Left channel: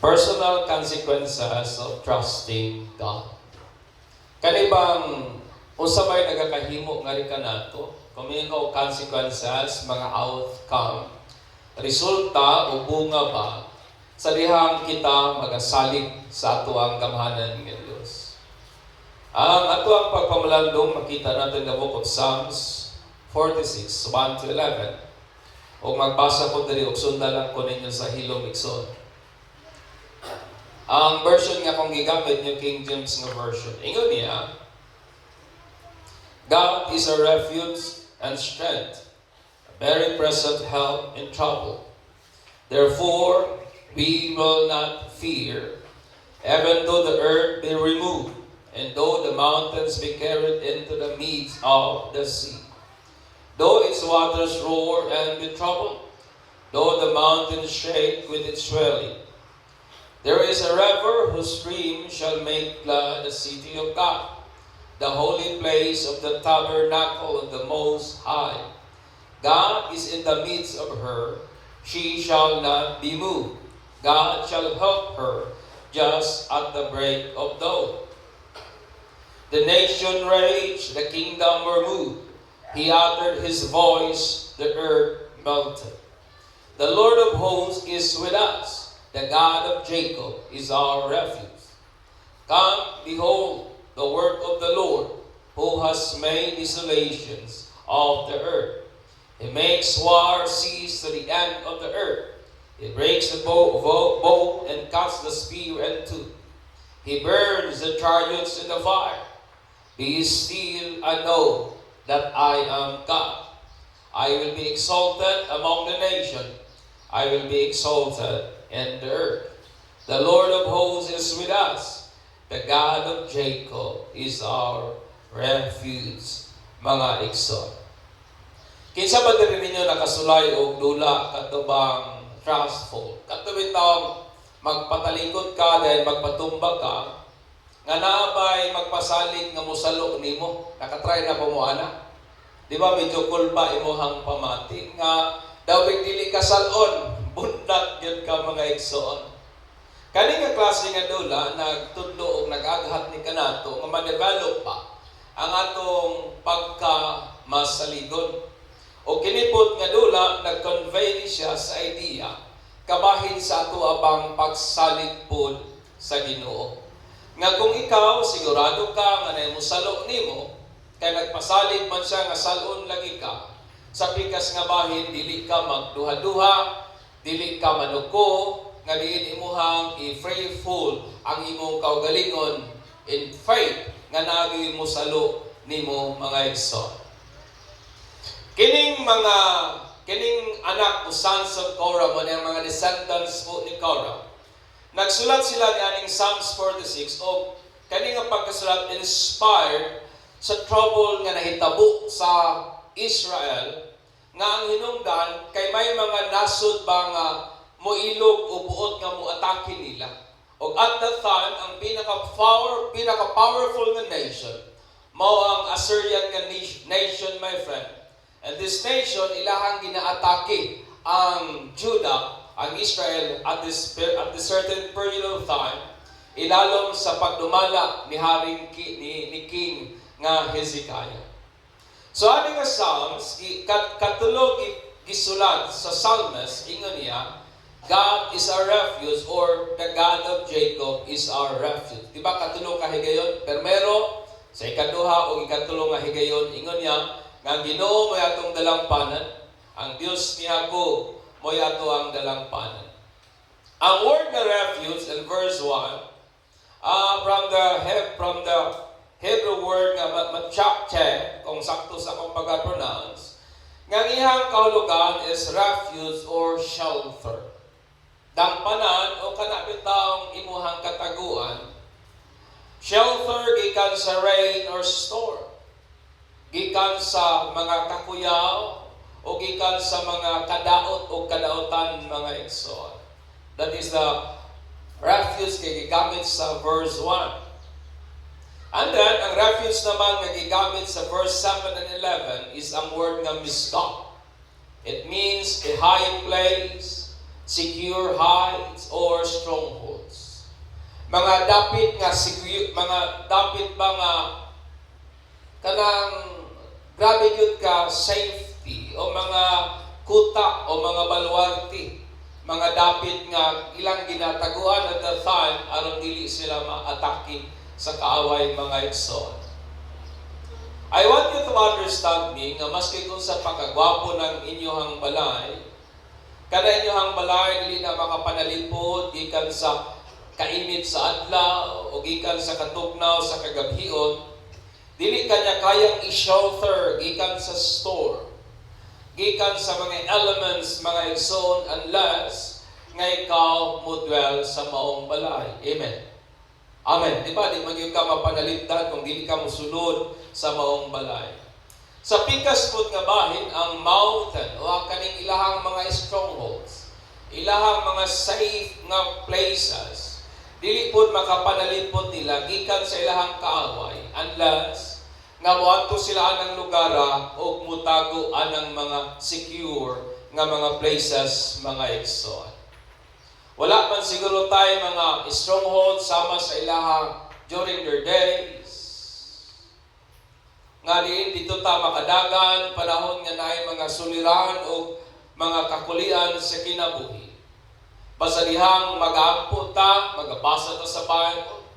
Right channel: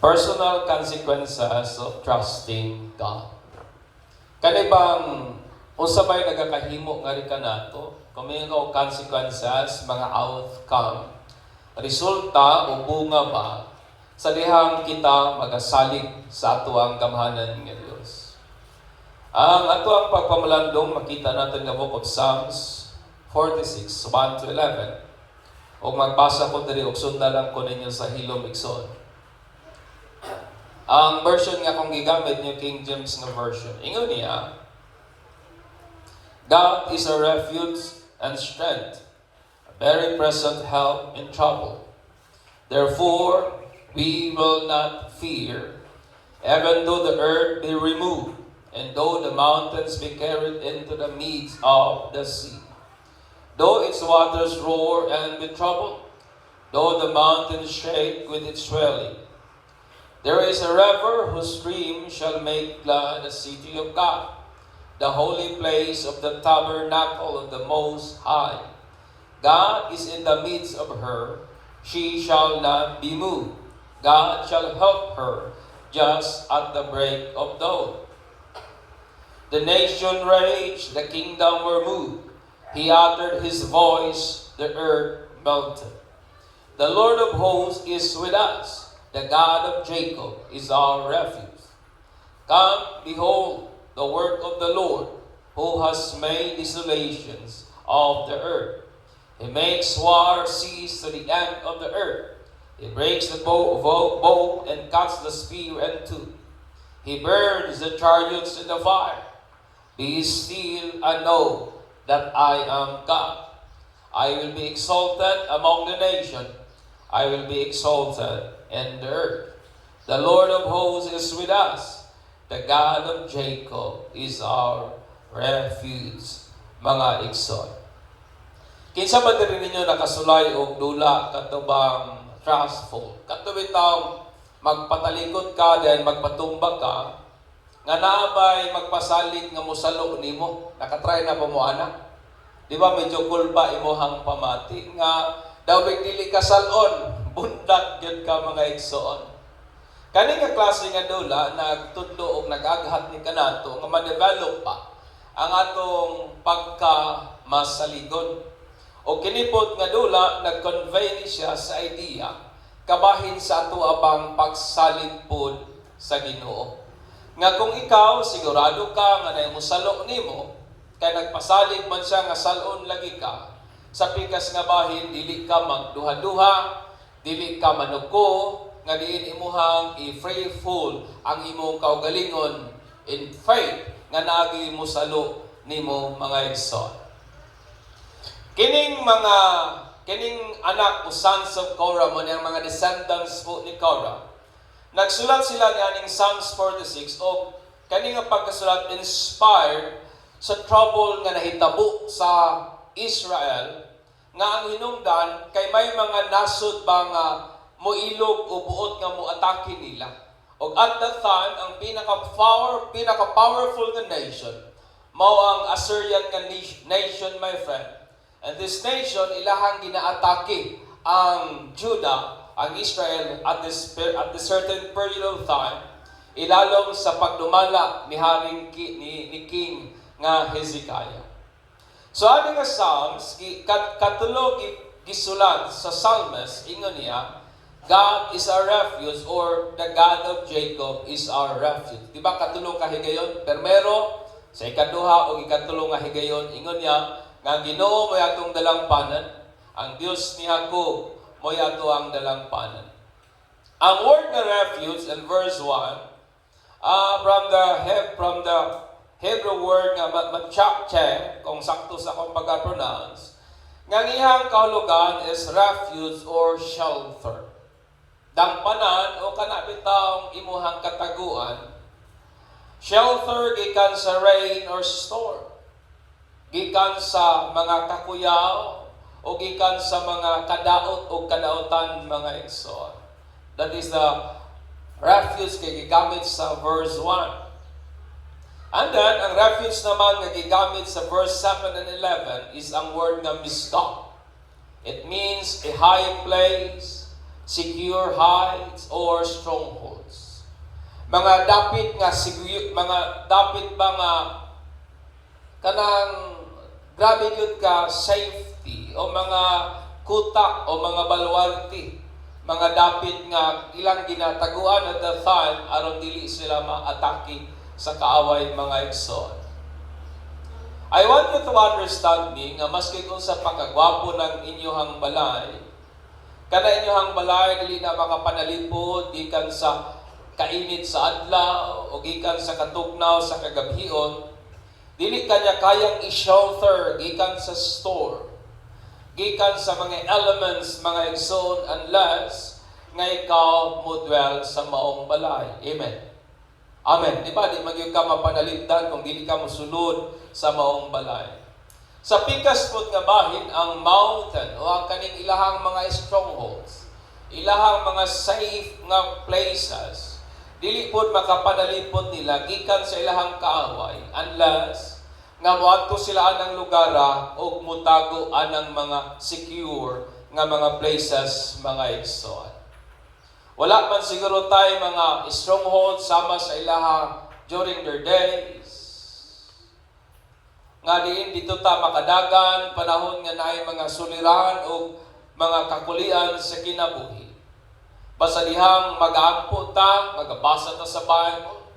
Personal consequences of trusting God. Kanibang unsa may nagakahimo nga rika nato, kumingaw consequences, mga outcome, resulta o bunga ba sa dihang kita magasalig sa ato ang kamhanan ng Diyos. Ang ato ang pagpamalandong makita natin nga Book of Psalms 46, 1 to 11. O magbasa ko diri og sundan lang ko ninyo sa hilom igsoon. Ang version nga kung gigamit niyo King James nga version. Ingon niya, God is a refuge and strength, a very present help in trouble. Therefore, we will not fear, even though the earth be removed, and though the mountains be carried into the midst of the sea. Though its waters roar and be troubled, though the mountains shake with its swelling. There is a river whose stream shall make glad the city of God, the holy place of the tabernacle of the Most High. God is in the midst of her, she shall not be moved. God shall help her just at the break of dawn. The nation raged, the kingdom were moved. He uttered his voice, the earth melted. The Lord of hosts is with us. The God of Jacob is our refuge. Come, behold the work of the Lord, who has made desolations of the earth. He makes war cease to the end of the earth. He breaks the bow and cuts the spear in two. He burns the chariots in the fire. Be still and know that I am God. I will be exalted among the nations. I will be exalted in the earth. The Lord of hosts is with us. The God of Jacob is our refuge. Mga igsoon. Kinsa ba diri ninyo nakasulay og dula katubang trustful? Katubitaw magpatalikod ka dahil magpatumbag ka nga naabay magpasalig nga musalo nimo. Nakatry na ba mo ana? Di ba medyo kulpa imuhang pamati nga daw dili ka salon, bundak gyud ka mga igsoon. Kani nga klase nga dula nagtudlo og nagaghat ni kanato nga ma-develop pa ang atong pagka-masaligon. O kinipot nga dula nag-convey siya sa idea kabahin sa ato abang pagsalig pod sa Ginoo. Nga kung ikaw sigurado ka nga nay musalo nimo kay nagpasalig man siya nga salon lagi ka sa pikas nga bahin, dili ka magduha-duha, dili ka manuko, nga diin imuhang i-faithful ang imong kaugalingon in faith nga nagi mo salo nimo mga igsoon. Kining anak o sons of Korah man ang mga descendants po ni Korah. Nagsulat sila ni aning Psalms 46 o kani nga pagkasulat inspired sa trouble nga nahitabo sa Israel nga ang hinungdan kay may mga nasod ba nga moilog o buot nga moatake nila. O at that time, ang pinaka-powerful nga nation mao ang Assyrian nga nation, my friend. And this nation, ilahang ginaatake ang Judah, ang Israel at this certain period of time, ilalom sa pagdumala ni King nga Hezekiah. So ani nga Psalms, katulog gisulat sa Psalmist, ingon niya, God is our refuge or the God of Jacob is our refuge. Diba katulog ka higayon? Permero, sa ikaduha o ikatulong nga higayon, ingon niya, nga Ginoo mo atong dalampanan, ang Dios ni Jacob mo ato ang dalampanan. Ang word na refuge in verse 1, from the Hebrew word nga matchakche, kung sakto sa akong pag-pronounce, nga iyang kahulugan is refuge or shelter. Dampanan o kanabitang imuhang kataguan, shelter gikan sa rain or storm, gikan sa mga kakuyaw, o gikan sa mga kadaot o kadautan mga igsoon. That is the refuge kay gigamit sa verse 1. And then, ang refuge naman nga gigamit sa verse 7 and 11 is ang word nga misdah. It means a high place, secure heights, or strongholds. Mga dapit nga mga dapit ba nga kanang grabe gyud ka safety o mga kuta o mga baluarte, mga dapit nga ilang ginataguan at the time aron dili sila ma-atake sa kaaway mga igsoon. I want you to understand me nga maski kung sa pagkagwapo ng inyong balay, kada inyong balay dili na makapanalipod gikan sa kainit sa adlaw o gikan sa katugnaw sa kagabhion, dili kanya kayang i-shelter gikan sa store, gikan sa mga elements, mga igsoon, unless nga ikaw mo dwell sa maong balay. Amen. Amen. Di ba? Di magiging ka mapanaligdan kung dili ka musunod sa maong balay. Sa pikas po nga bahin, ang mountain o ang kaning ilahang mga strongholds, ilahang mga safe nga places, dili po makapanalipod nila gikan sa ilahang kaaway unless nga moadto sila anang lugara o mutago anang mga secure nga mga places, mga igsoon. Wala man siguro tayo mga strongholds sama sa ilaha during their days. Nga diin dito ta makadagan, panahon nga naay mga suliran o mga kakulian sa kinabuhi. Basta dihang mag-aampo ta, magabasa ta sa Bible.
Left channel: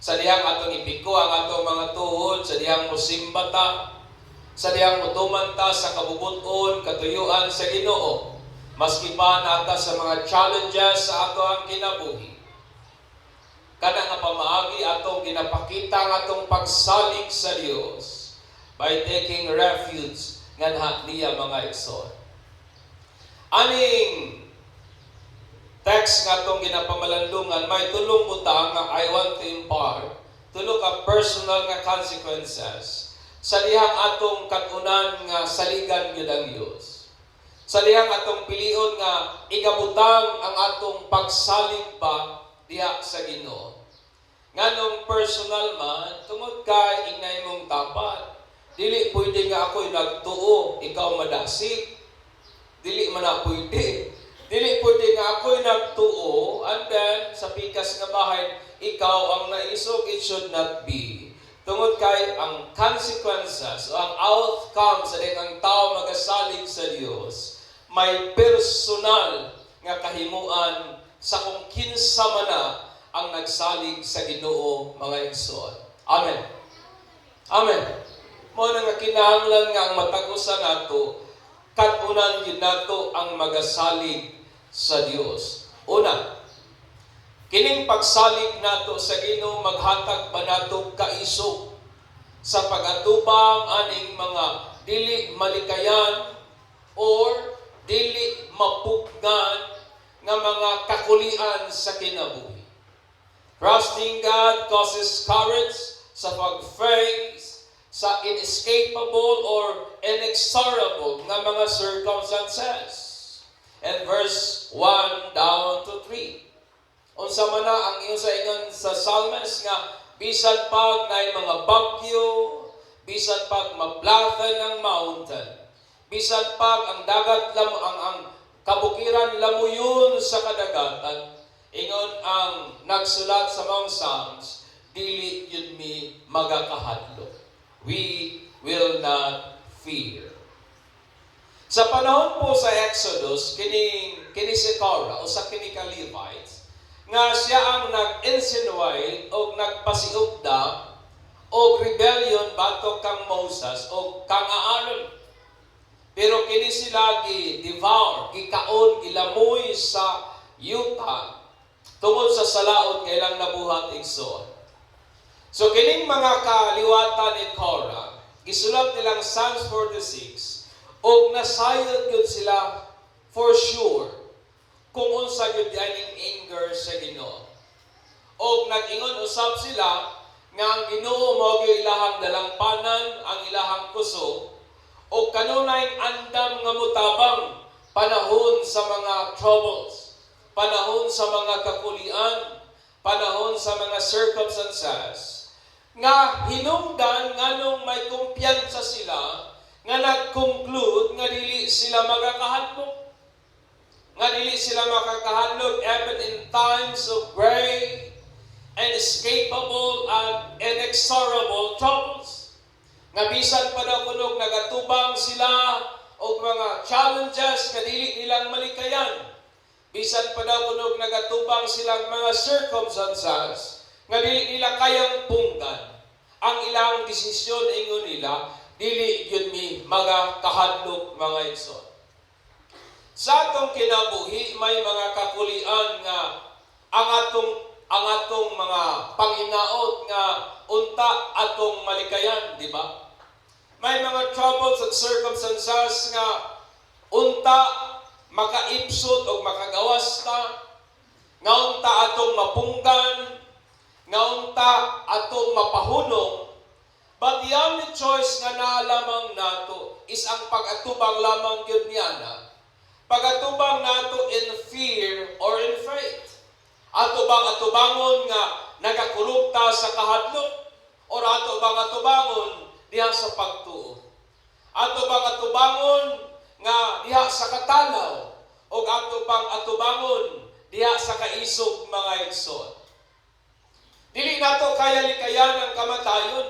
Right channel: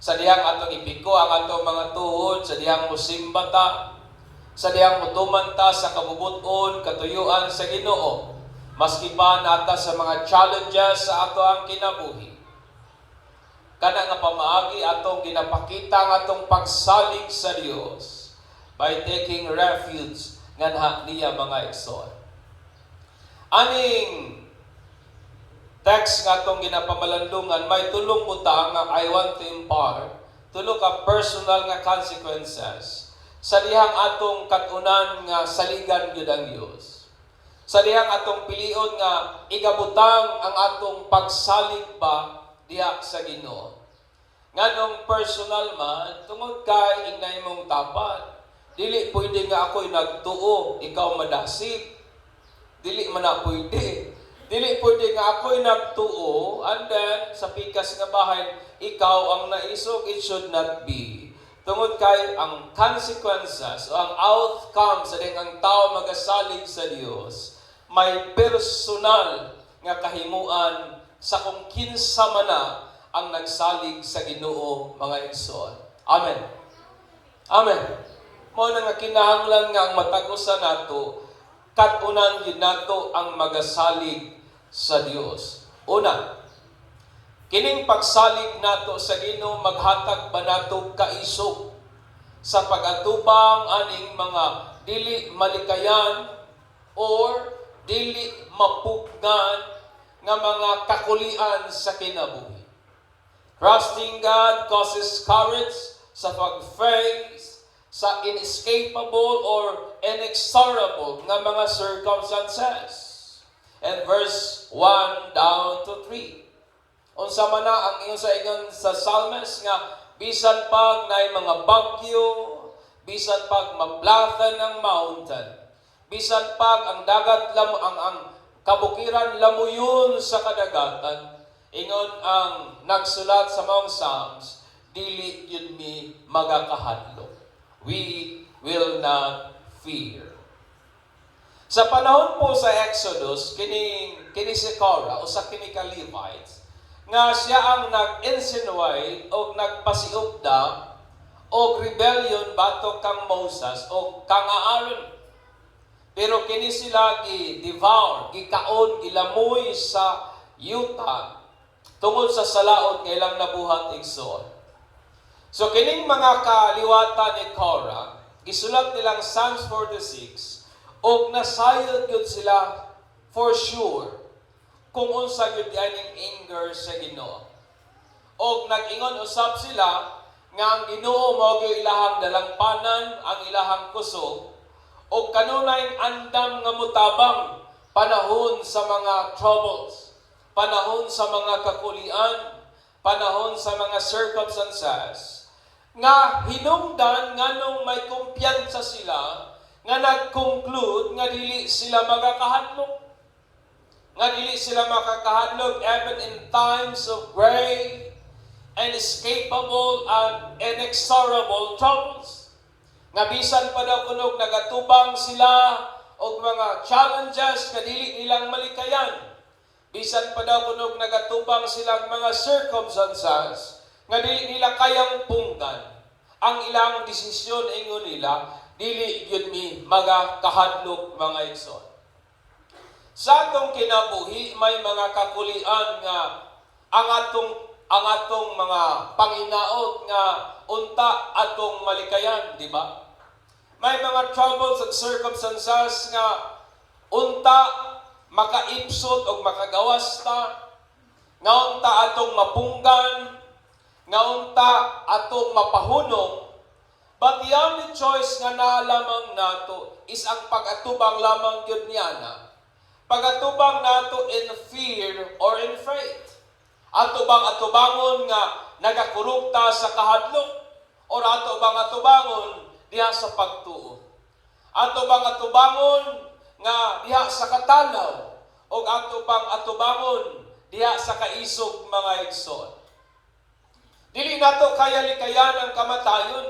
Sa dihang atong ipiko ang atong mga tuhod, sa dihang musimba ta, sa dihang mutuman ta sa kabubuton, katuyuan sa Ginoo. Maski pa nata sa mga challenges sa ato ang kinabuhi. Kana nga pamaagi atong ginapakita ang atong pagsalig sa Dios by taking refuge nga niya mga igsoon. Aning text nga atong ginapamalandungan, may tulong butang nga I want to impart, tulo ka personal nga consequences sa dihang atong katunan nga saligan gyud ang Dios. Sa dihang atong pilion nga igabutang ang atong pagsalig pa diha sa Ginoo. Nganong personal man, tungod kay inay mong tapat. Dili pwede nga ako'y nagtuo, ikaw madasig. Dili man na pwede. Dili pwede nga ako'y nagtuo, and then sa pikas nga bahay, ikaw ang naisog. It should not be. Tungod kay ang consequences o ang outcome sa dihang tao magasalig sa Dios, may personal nga kahimuan sa kung kinsa man na ang nagsalig sa Ginoo, mga igsoon. Amen. Amen. Mao na nga kinahanglan nga ang matagusan nato, katunan gyud nato ang magasalig sa Dios. Una, kining pagsalig nato sa Ginoo maghatag ba nato kaisog sa pag-atubang aning mga dili malikayan or dili mapugnan nga mga kakulian sa kinabuhi. Trusting God causes courage sa pag-face sa inescapable or inexorable nga mga circumstances. And verse 1 down to 3. Unsa man na ang ingon sa ingon sa Psalms nga bisan pag naay mga bagyo, bisan pag maplatan ng mountain, bisan pag ang dagat ang kabukiran lamuyon sa kadagatan, ingon ang nagsulat sa mga Psalms, dili yun mi magakahadlok. We will not fear. Sa panahon po sa Exodus, kini si Korah o sa kini ka Levites, nga siya ang nag-insinuate o nagpasiugda o rebellion bato kang Moses o kang Aaron. Pero kini sila gi-devour, gikaon, gilamoy sa yuta tungod sa salaod nga ilang nabuhat igsoon. So kining mga kaliwatan ni Korah, gisulat nilang Psalms 46, og nasayod gyud sila for sure kung unsa gyud dianing anger sa Ginoo. Og nag-ingon usab sila nga ang Ginoo mao gyud ilahang dalampanan, ang ilahang kusog, o kanunay andam nga mutabang panahon sa mga troubles, panahon sa mga kakulian, panahon sa mga circumstances, nga hinungdan nganong may kumpiyansa sila nga nag-conclude nga dili sila magakahadlok. nga dili sila makakahadlok even in times of great and inescapable and inexorable troubles. Nga bisan pa daw kunog nagatubang sila og mga challenges nga dili nilang malikayan. Bisan pa daw kunog nagatubang silang mga circumstances nga dili nila kayang punggan. Ang ilang desisyon ingon nila dili gyud mi magakahadlok mga igsoon. Sa atong kinabuhi may mga kakulian nga ang atong mga panginaot nga unta atong malikayan, di ba? May mga troubles and circumstances nga unta makaipsot o makagawas ta, nga unta atong mapunggan, nga unta atong mapahunong. But the only choice nga naa lamang nato is ang pag-atubang lamang gyud niana. Pag-atubang nato in fear or in faith. Atubang-atubangon nga nagakurupta sa kahadlok or atubang-atubangon diha sa pagtuo. Atubang-atubangon nga diha sa katanaw o atubang-atubangon diha sa kaisog mga igsoon. Dili nato kaya likayan ang kamatayon,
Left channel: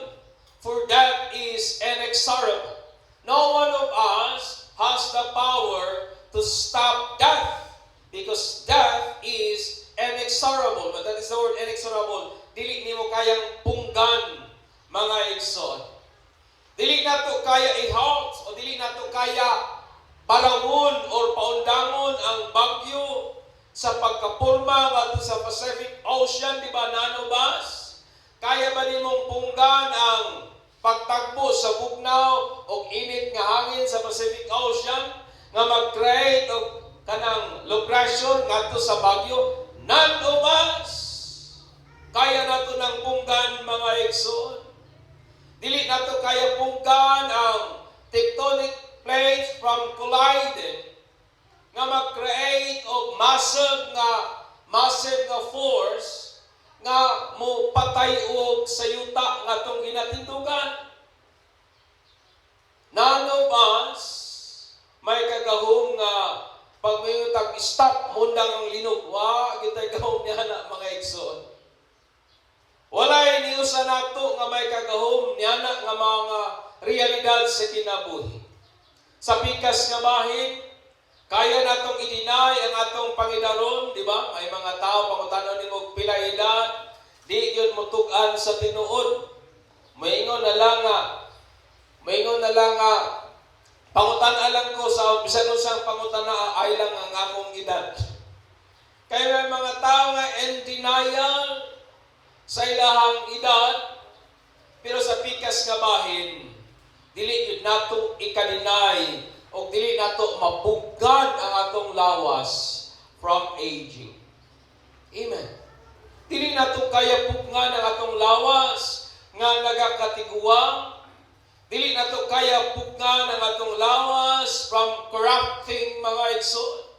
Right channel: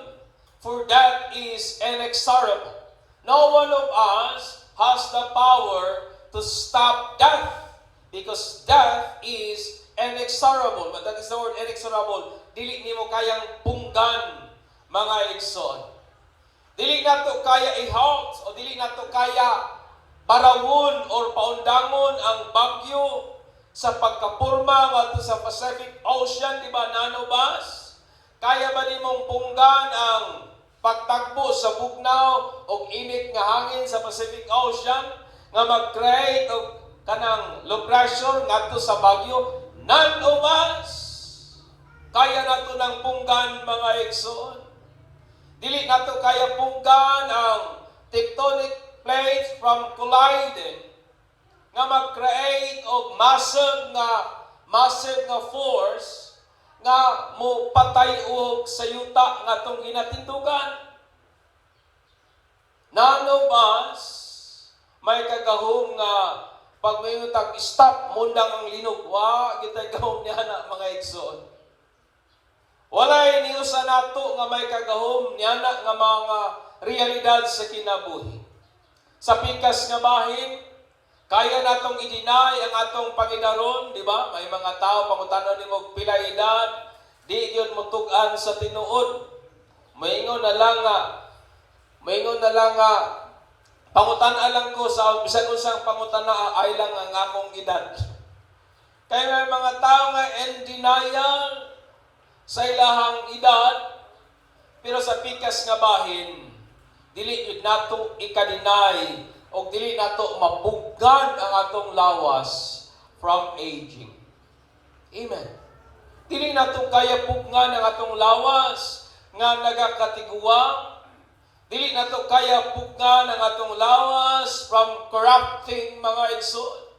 for that is inexorable. No one of us has the power to stop death, because death is inexorable. But that is the word inexorable. Dili nimo kayang punggan mga igsoon. Dili nato kaya i-halt o dili nato kaya parawon or paundangon ang bagyo sa pagkapurma ngadto sa Pacific Ocean, di ba nanobas? Kaya ba nimong punggan ang pagtagbo sa bugnaw o init nga hangin sa Pacific Ocean nga mag-create og kanang low pressure ngadto sa bagyo? None of us kaya nato ng punggan mga igsoon. Dili nato kaya punggan ang tectonic plates from colliding nga mag-create og massive nga force nga mo patay og sa yuta nga tong ginatindugan. None of us may kagahom nga pag may stop mundang ang linugwa, kita'y gahom niya na mga igsoon. Walay niyo sa nato nga may kagahom niya na nga mga realidad sa kinabuhi. Sa pikas nga bahin, kaya natong i-deny ang atong Panginoon, di ba? May mga tao pangutanon ni mo pila edad, di yun mutugan sa tinuod. Maingon na lang nga, pangutan lang ko sa bisan unsang pangutan ay lang ang akong edad. Kaya may mga tao nga in denial sa ilahang edad, pero sa pikas nga bahin, dili gid nato ika-deny o dili nato mapugad ang atong lawas from aging. Amen. Dili nato kaya pugnan ang atong lawas nga nagakatiguang. Dili nato kaya pugnan ang atong lawas from corrupting mga igsoon.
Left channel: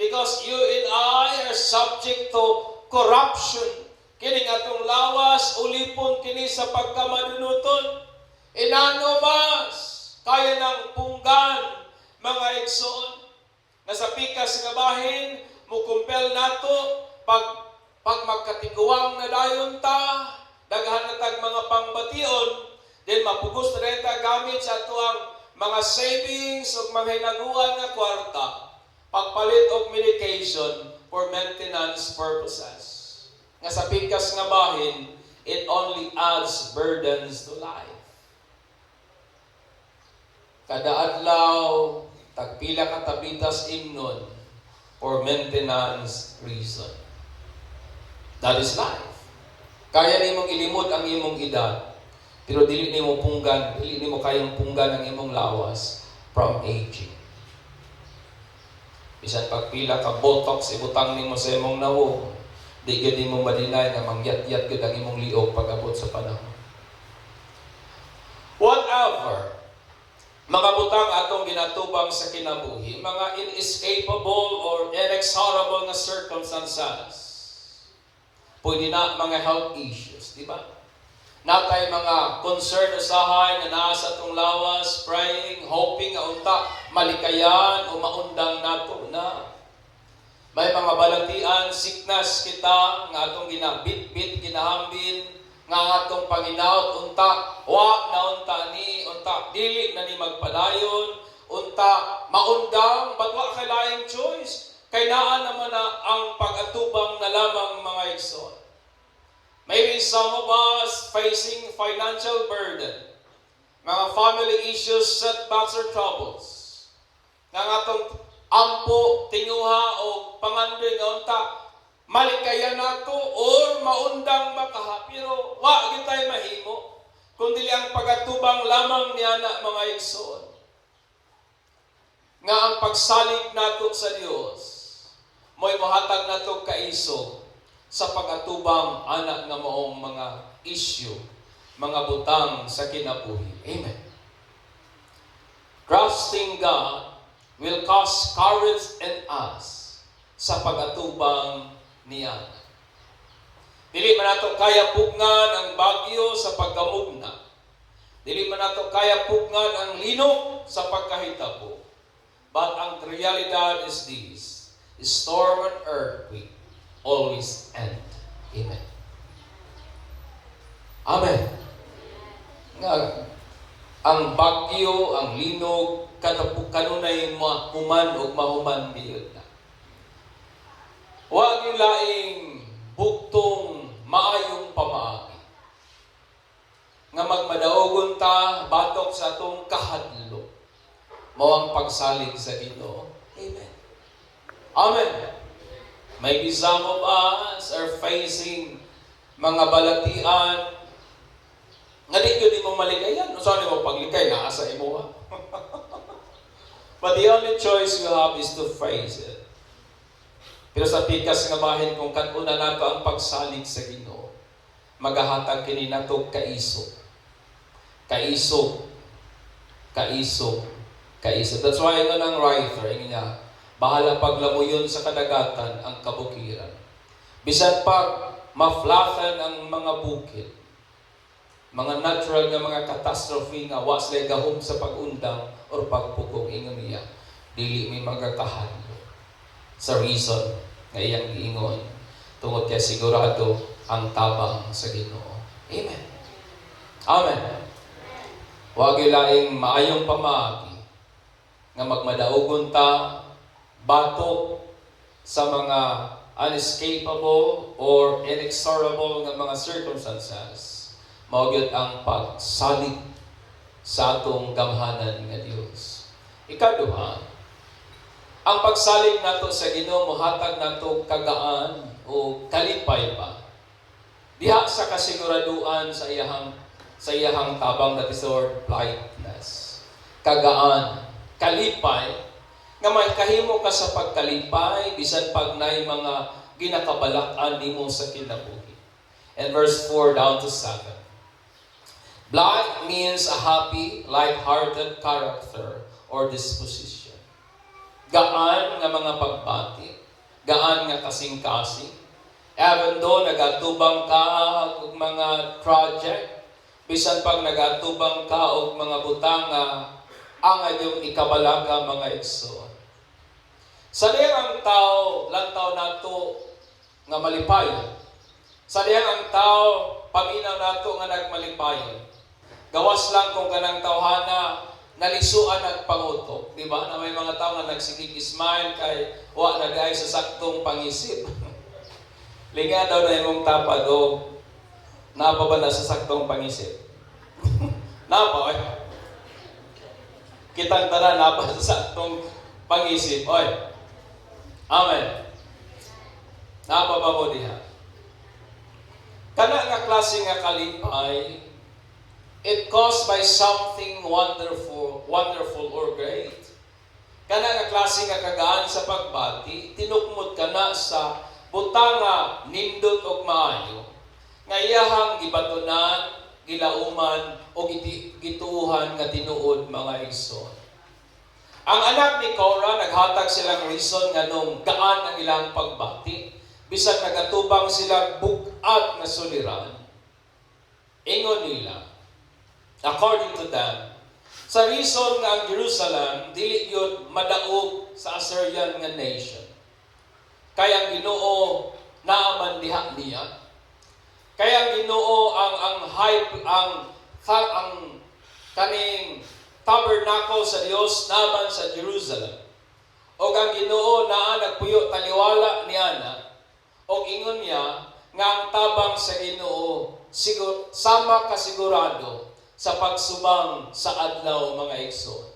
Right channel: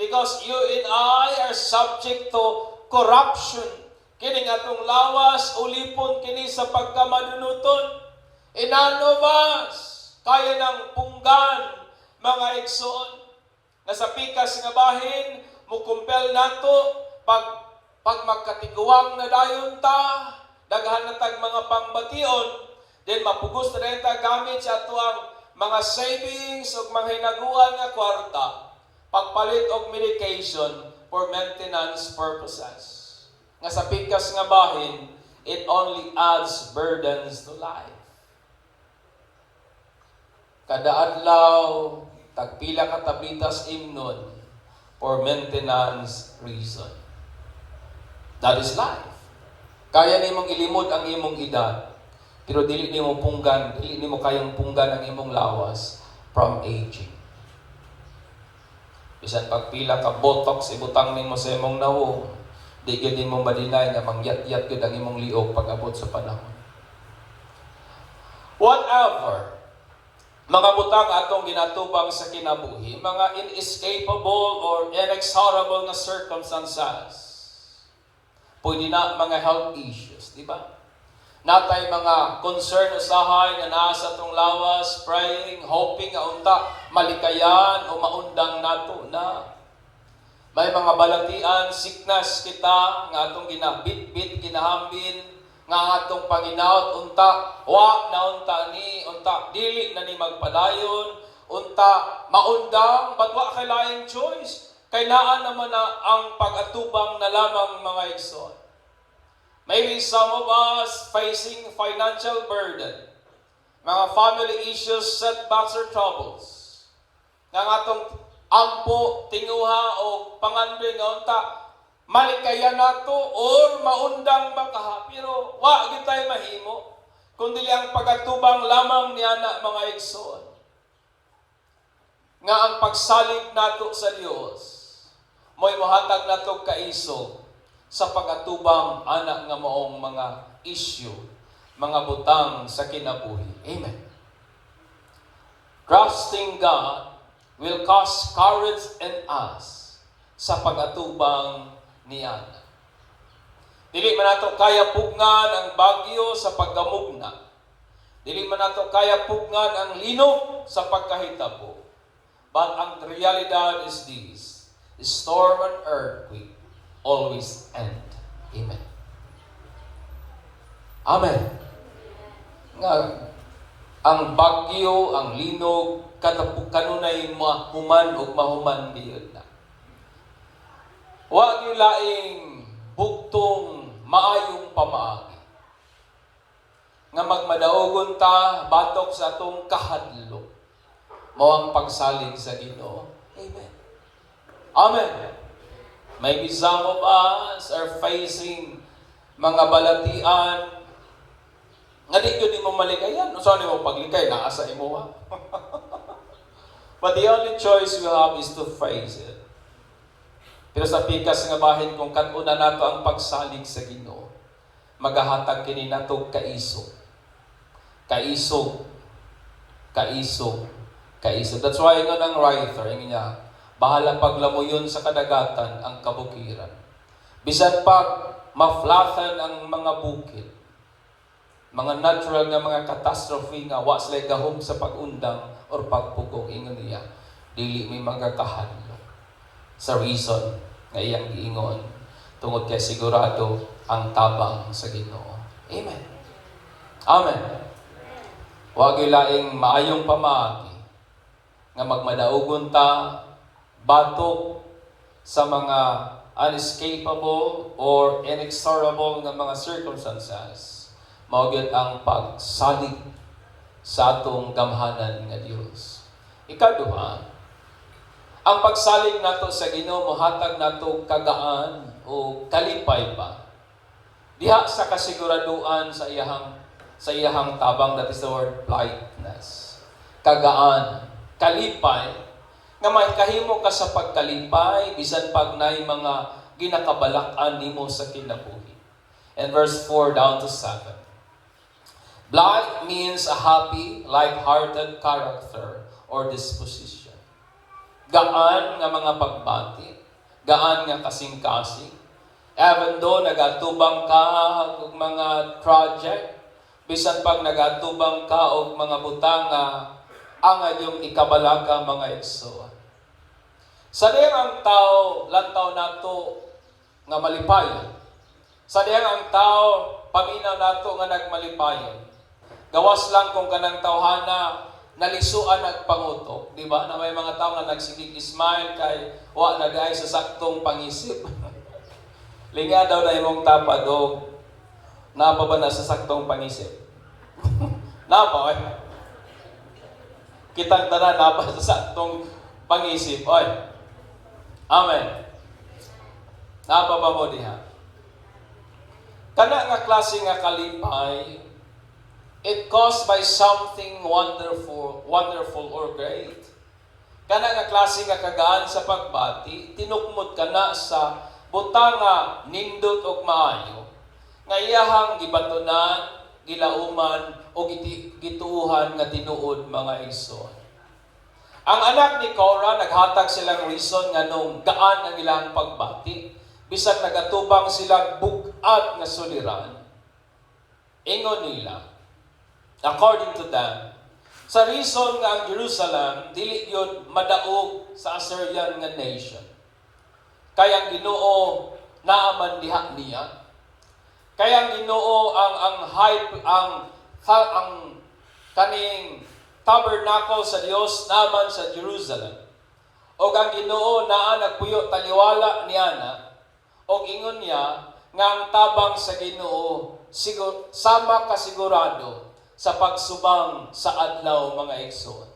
Because you and I are subject to corruption. Kini atong lawas ulipon kini sa pagkamanunuton. Inanobas kaya ng punggan mga igsoon. Nasa pikas nga bahin, mukumpel nato pag magkatiguang na dayon ta, daghan na tag mga pangbation, then mapugos na rin ta gamit sa atuang mga savings o mga hinaguan nga kwarta, pagpalit og medication for maintenance purposes. Nga sa pikas nga bahin, it only adds burdens to life. Kada adlaw, tagpila ka tabitas imnon for maintenance reason. That is life. Kaya nimong ilimod ang imong edad, pero dili nimo kayang punggan ang imong lawas from aging. Bisan pagpila ka botox ibutang nimo sa imong nawo, di gyud nimo madinay nga mangyat-yat gyud ang imong liog pag-abot sa panahon. Whatever mga butang atong ginatubang sa kinabuhi, mga inescapable or inexorable na circumstances. Pwede na mga health issues, di ba? Natay mga concern usahay na nasa atong lawas, praying, hoping nga unta malikayan o maundang nato na. May mga balatian, sickness kita, nga atong ginabit-bit, ginahambin, nga atong panginaot, unta, wa na unta ni, unta, dili na ni magpadayon, unta, maundang, but wa kay laing choice. Kay naan naman na ang pag-atubang na lamang mga igsoon. Maybe some of us facing financial burden, mga family issues, setbacks, or troubles, nga atong ampo, tinguha, o pangandoy nga unta, malikayan nato or maundang makaha. Pero wa gyud tayo mahimo, kundi ang pagatubang lamang niya na mga igsoon. Nga ang pagsalig nato sa Dios, mo'y mohatag nato kaisog sa pagatubang anak nga maong mga issue, mga butang sa kinabuhi. Amen. Trusting God will cause courage in us sa pagatubang niya. Dili man nato kaya pugnan ang bagyo sa pagkamugna. Dili man nato kaya pugnan ang linog sa pagkahitabo. But ang realidad is this: storm and earthquake always end. Amen. Amen. Nga, ang bagyo, ang linog, kanunay mahuman o mahuman diyon na. Huwag yung laing bugtong maayong pamaagi. Nga magmadaogon ta, batok sa atong kahadlo. Mawang pagsalig sa Ginoo. Amen. Amen. Maybe some of us are facing mga balatian nga di yun mo maligayan. Saan mo pagligay? Naasa imo ha? But the only choice we have is to face it. Pero sa pikas nga bahin, kung kanuna nato ang pagsalig sa Ginoo, magahatag kini nato kaisog. Kaisog. Kaisog. Kaisog. That's why nga ng writer, nga, bahala paglamuyon sa kadagatan ang kabukiran. Bisan pag maflatan ang mga bukid, mga natural nga mga catastrophe nga wa sila gahom sa pag-undang or pagpugong, ingon niya, dili may magakahadlo sa reason nga iyang giingon tungod kay sigurado ang tabang sa Ginoo. Amen. Amen. Wa gyud laing maayong pamaagi nga magmadaugon ta batok sa mga unescapable or inexorable nga mga circumstances. Mao gyud ang pagsalig sa atong gamhanan nga Dios. Ikaduha, ang pagsalig nato sa Ginoo mohatag nato kagaan o kalipay ba diha sa kasiguraduan sa iyahang tabang, that is the word lightness. Kagaan, kalipay, nga may kahimo ka sa pagkalipay bisan pag nay mga ginakabalak-an nimo sa kinabuhi. And verse 4 down to 7. Blithe means a happy, light-hearted character or disposition. Gaan nga mga pagbati, gaan nga kasing-kasing. Even though nagatubang ka og mga project, bisan pag nagatubang ka og mga butang nga ang ayong ikabalaga mga igsoon. Sa diyang ang tao, lantaw nato nga malipayon. Sa diyang ang tao, pag-inaw nato nga nagmalipayon. Gawas lang kung ganang tawhana, nalisuan at pangutok. Di ba? Na may mga tao na nagsigig-smile kay wa na dahil sa saktong pangisip. Linga daw na imong tapad o napa ba na sa saktong pangisip? Napa, eh? Kitang tanan napa sa saktong pangisip. Oy. Amen. Napa ba mo diha? Kana nga klase nga kalipay, it caused by something wonderful or great. Kana nga klase nga kagaan sa pagbati, tinukmod ka na sa butang nga nindot og maayo, nga iyahang gibatunan, gilauman, o gituuhan nga tinuod mga igsoon. Ang anak ni Korah, naghatag silang reason nga nung gaan ang ilang pagbati, bisan nagatubang silang bugat na suliran. Ingon nila, according to them, sa reason nga ang Jerusalem dili yun madaog sa Assyrian nga nation. kaya ang Ginoo naaman diha niya. Kaya ang Ginoo ang kaning tabernacle sa Dios naman sa Jerusalem. O ang Ginoo naa nagpuyo taliwala niya na o ingon niya nga ang tabang sa Ginoo sama kasigurado sa pagsubang sa adlaw mga igsoon.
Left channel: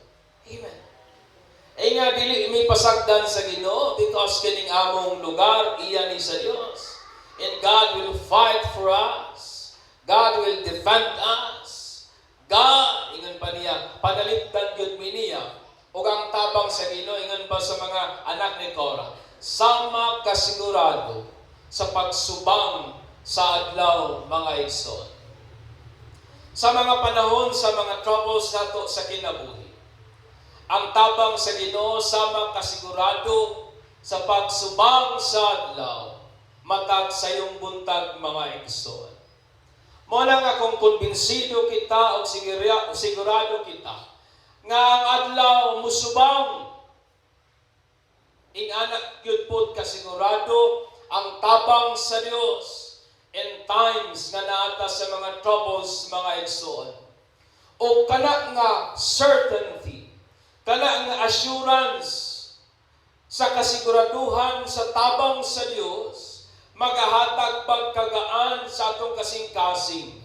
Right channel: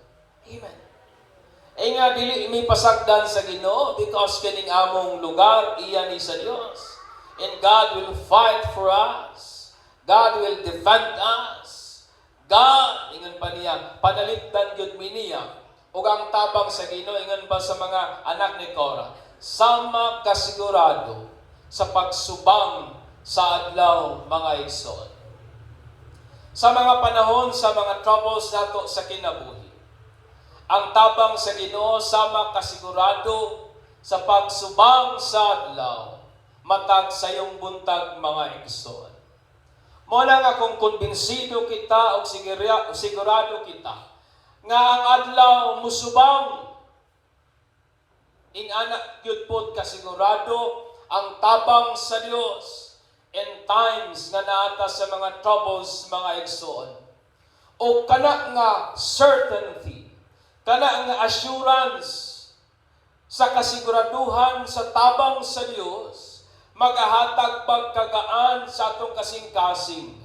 Amen. Ay nga dili mi pasagdan sa Ginoo because kining among lugar iya ni sa Dios. And God will fight for us. God will defend us. God, ingon pa niya, panaligtan gyud mi niya. Ug ang tabang sa Ginoo ingon pa sa mga anak ni Korah, sama kasigurado sa pagsubang sa adlaw mga igsoon. Sa mga panahon sa mga troubles nato sa kinabuhi, ang tabang sa Ginoo sama kasigurado sa pagsubang sa adlaw matag sayong buntag mga igsoon. Mo lang akong kumbinsido kita o sigurado kita nga ang adlaw musubang ing anak gyud pod kasigurado ang tabang sa Dios in times na naata sa mga troubles mga igsoon. O kana nga certainty, kana nga assurance sa kasiguraduhan sa tabang sa Dios, magahatag pagkagaan sa atong kasing-kasing,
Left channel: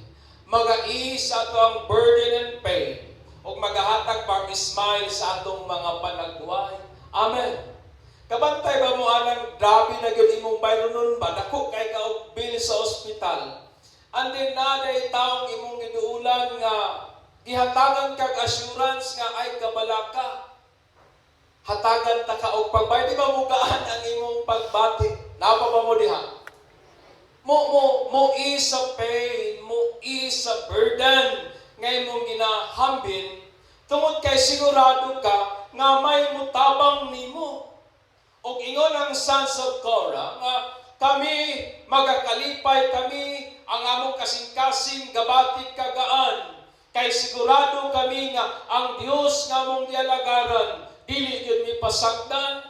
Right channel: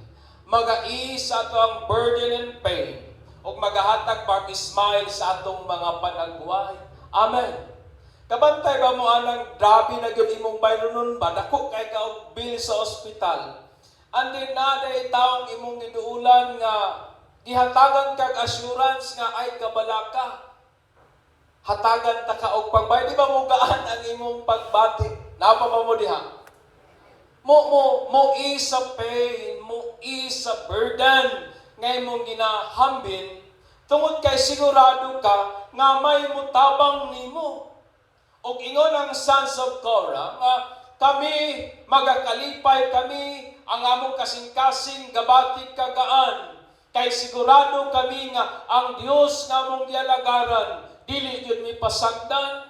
mag-ease sa atong burden and pain, o magahatag pag-smile sa atong mga panagbuhay. Amen. Kabantay ba mo anang grabe na gyud imong bayronon ba? Dako kay ka og bill sa ospital. Andin na day taong imong giduulan nga gihatagan kag assurance nga ay kabalaka. Hatagan ta ka og pagbayad. Di ba mo gaan ang imong pagbati? Napa ba mo diha? Mo ease sa pain, mo ease sa burden nga imong ginahambin tungod kay sigurado ka nga may mutabang nimo. O ingon ang sons of Korah nga kami magakalipay kami ang among kasing-kasing gabatik kagaan kay sigurado kami nga ang Dios nga among gialagaran dili gyud mi pasagdan.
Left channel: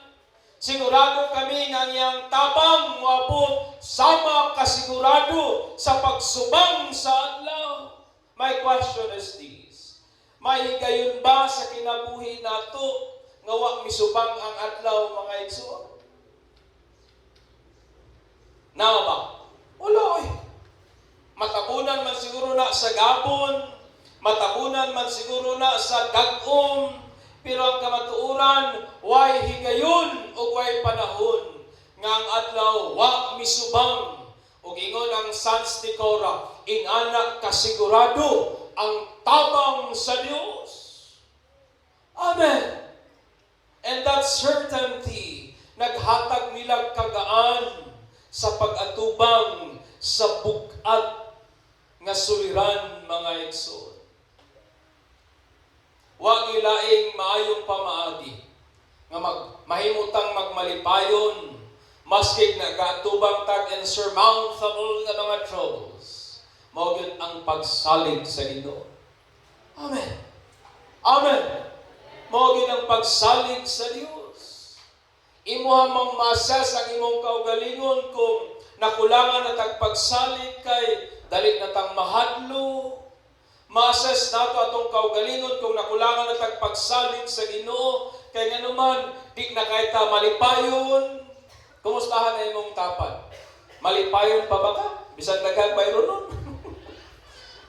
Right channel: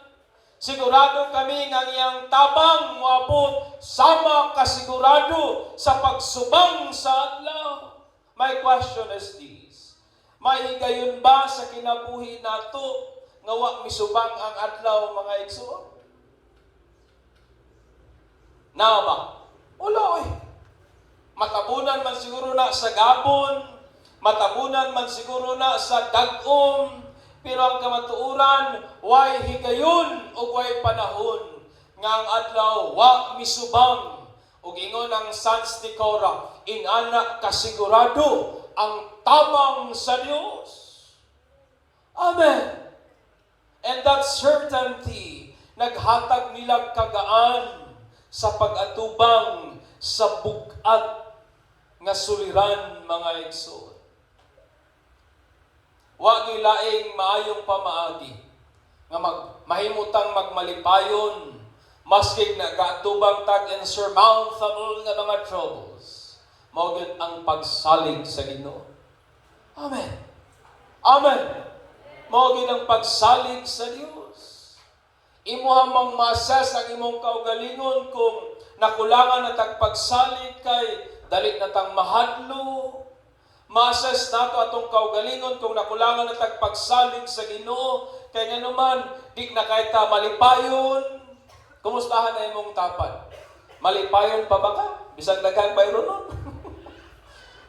Sigurado kami nga iyang tabang moabot sama kasigurado sa pagsubang sa adlaw. My question is this: mahigayon ba sa kinabuhi nato nga wa misubang ang adlaw mga igsoon? Naa ba? Wala eh. Matabunan man siguro na sa gabon, matabunan man siguro na sa dag-om, pero ang kamatuuran, way higayon o way panahon nga ang adlaw wa misubang. Ug ingon ang sons ni Korah, inanak kasigurado ang tabang sa Dios. Amen. And that certainty, naghatag nilang kagaan sa pag-atubang sa bugat nga suliran mga igsoon. Wa gilaing maayong pamaagi nga mahimutang magmalipayon maski nagaatubang tag insurmountable nga mga troubles. Mao gyud ang pagsalig sa Ginoo. Amen. Amen. Mao gyud ang pagsalig sa Dios. Imo mang ma-assess ang imong kaugalingon kung nakulangan na tag pagsalig kay dali na tang mahadlo. Ma-assess nato atong kaugalingon kung nakulangan na tag pagsalig sa Ginoo kay nganuman di na kay ta malipayon. Kumustahan na imong tapad? Malipayon pa ba ka? Bisag daghang bayron.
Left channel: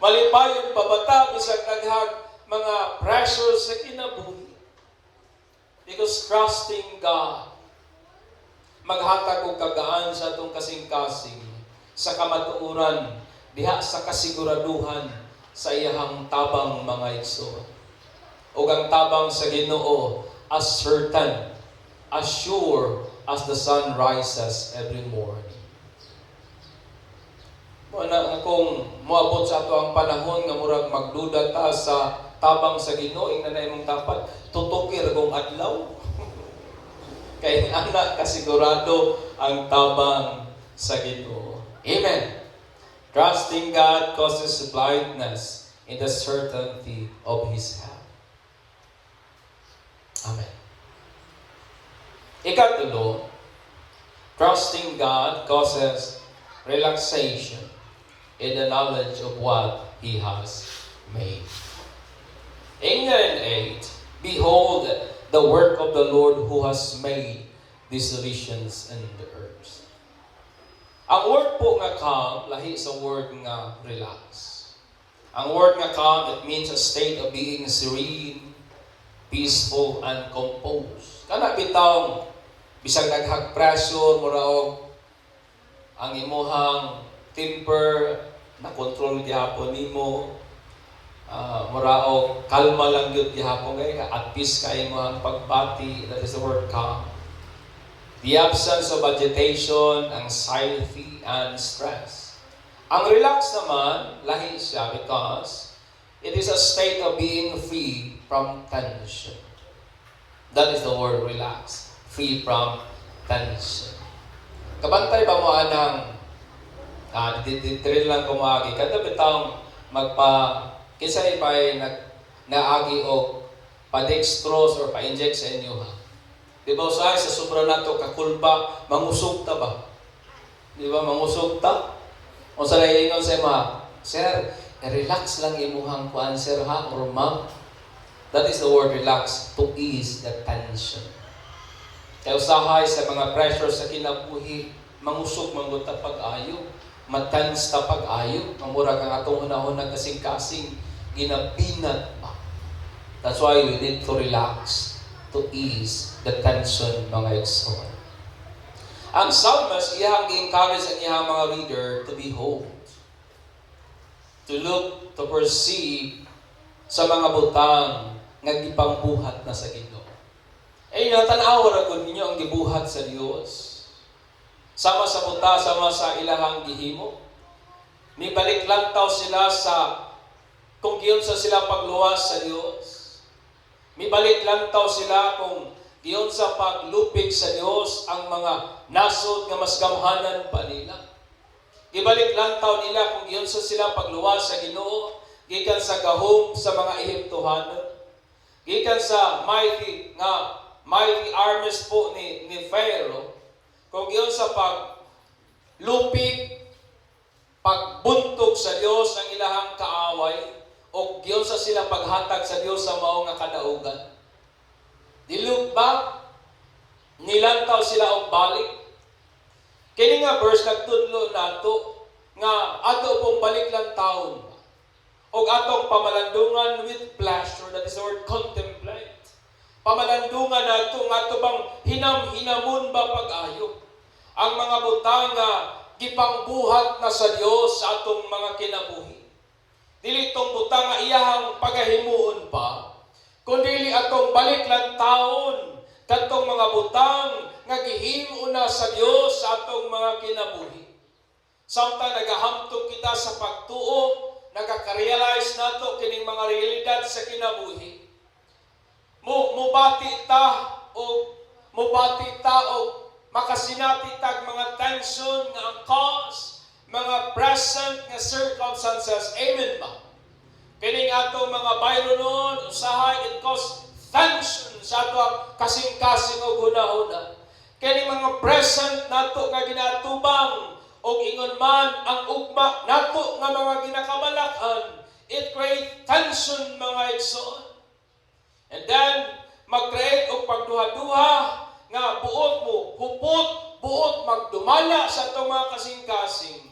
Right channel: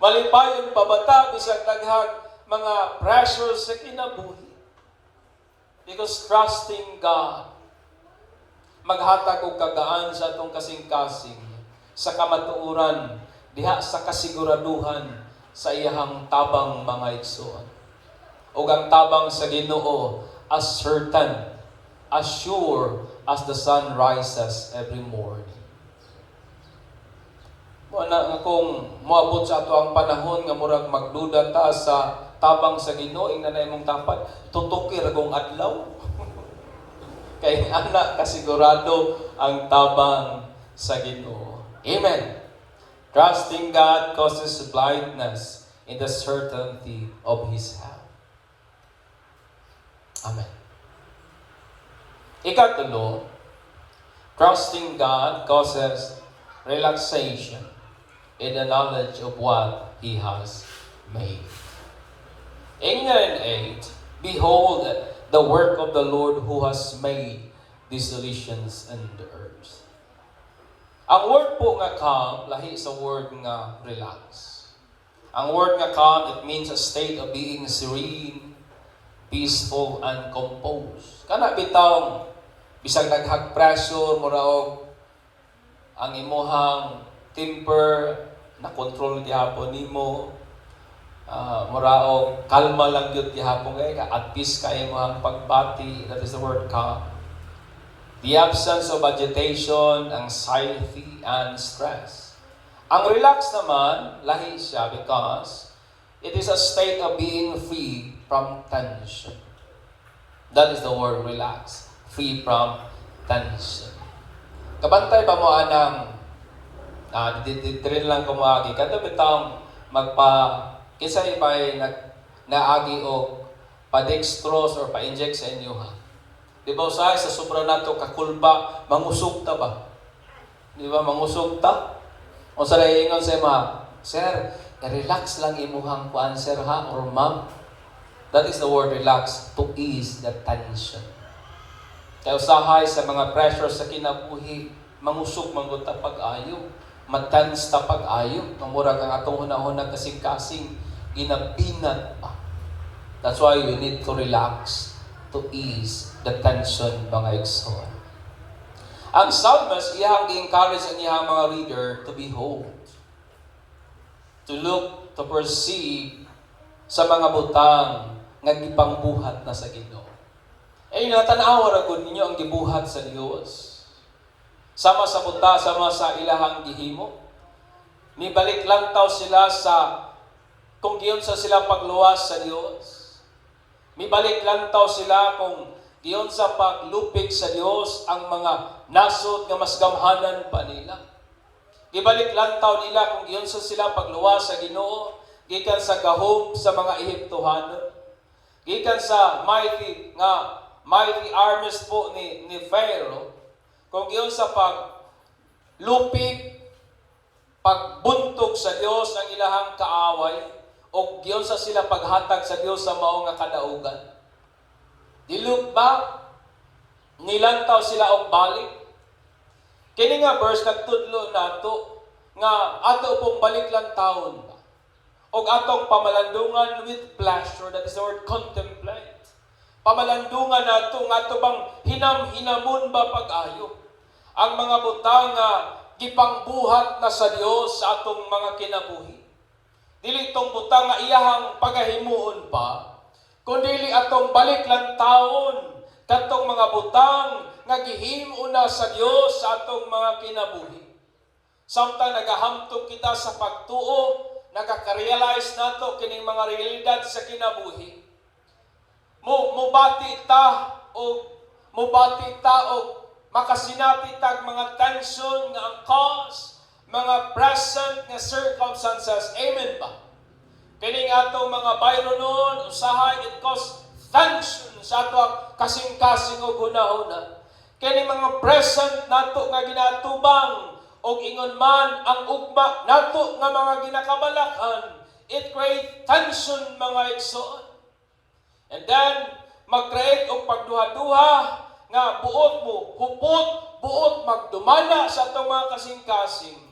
Malipayon pa ba ta bisag daghang mga pressures sa kinabuhi? Because trusting God, maghatag og kagaan sa atong kasing-kasing, sa kamatuoran, diha sa kasiguraduhan sa iyahang tabang mga igsoon. Ug ang tabang sa Ginoo as certain, as sure as the sun rises every morning. Wala nga kung moabot sa ato ang panahon nga murag magduda ta sa tabang sa Ginoo ing nanay mong tapat, tutukir kung adlaw. Kay anak kasigurado ang tabang sa Ginoo. Amen. Trusting God causes blindness in the certainty of His hand. Amen. Ikatulo, Trusting God causes relaxation in the knowledge of what He has made. In 8, behold the work of the Lord who has made these solutions in the earth. Ang word po nga calm, lahi sa word nga relax. Ang word nga calm, it means a state of being serene, peaceful, and composed. Kana bitawng bisag naghag pressure mo raw ang imuhang temper na control gihapon nimo, murao kalma lang gyud gihapon kay at peace kay imuhang pagbati. That is the word calm. The absence of agitation, anxiety, and stress. Ang relax naman lahi siya because it is a state of being free from tension. That is the word relax. Free from tension. Kabantay pa mo anang ditirin lang kumagi. Kato bitang kinsa ipay naagi o pa-dextrose or pa-inject sa inyo ha. Di ba usahay sa sobra nato kakulba, mangusog ta ba? Di ba mangusog ta? O sa laingon sa ima, sir, relax lang imuhang kuan sir ha, or ma'am. That is the word relax, to ease the tension. Kaya usahay sa mga pressure sa kinabuhi, mangusog manguta pag-ayo, matense ta pag-ayo, mamura kang atong hunahunag kasing-kasing, ginabinat pa. That's why we need to relax, to ease the tension, mga igsoon. Ang psalmist, iyang gi-encourage ang iyang mga reader to behold, to look, to perceive sa mga butang nga gipangbuhat na sa Ginoo. Ay natanaw ra gud ninyo ang gibuhat sa Dios. Sama sa buta, sama sa ilahang gihimo. Mibalik lang taw sila sa kung giyon sa sila pagluwas sa Dios. Mibalik lang taw sila kung giyon sa paglupig sa Dios ang mga nasod nga mas gamhanan pa nila. Gibalik lang taw nila kung giyon sa sila pagluwas sa Ginoo, gikan sa gahom sa mga Ehiptohanon. Gikan sa mighty armies po ni Pharaoh, kung giyon sa paglupig, pagbuntog sa Dios ang ilahang kaaway, o giyon sa sila paghatag sa Dios sa mao nga kadaugan. Dilug ba nilantaw sila og balik? Kini nga verse nagtudlo nato nga ato pong balik lang taon ba, og atong pamalandungan with pleasure, that is the word contemplate. Pamalandungan nato nga ato bang hinamon ba pag-ayo ang mga butang nga gipangbuhat na sa Dios sa atong mga kinabuhi. Dili tong butang nga iyahang pagahimuon pa, kundi atong balik lang taon katong mga butang nga gihimo na sa Dios sa atong mga kinabuhi. Samtang nagahamtong kita sa pagtuo, nagaka-realize nato kining mga realidad sa kinabuhi. Mubati ta o makasinati tag mga tension nga ang cause, mga present nga circumstances. Amen ba? Kining ato mga bayro noon, usahay, it cause tension sa ato kasing-kasing o hunahuna. Kining mga present nato nga ginatubang o ingon man ang ugma nato nga mga ginakabalakhan, it create tension, mga igsoon. And then, mag-create og pagduha-duha nga buot mo, buot magdumala sa atong mga kasing-kasing.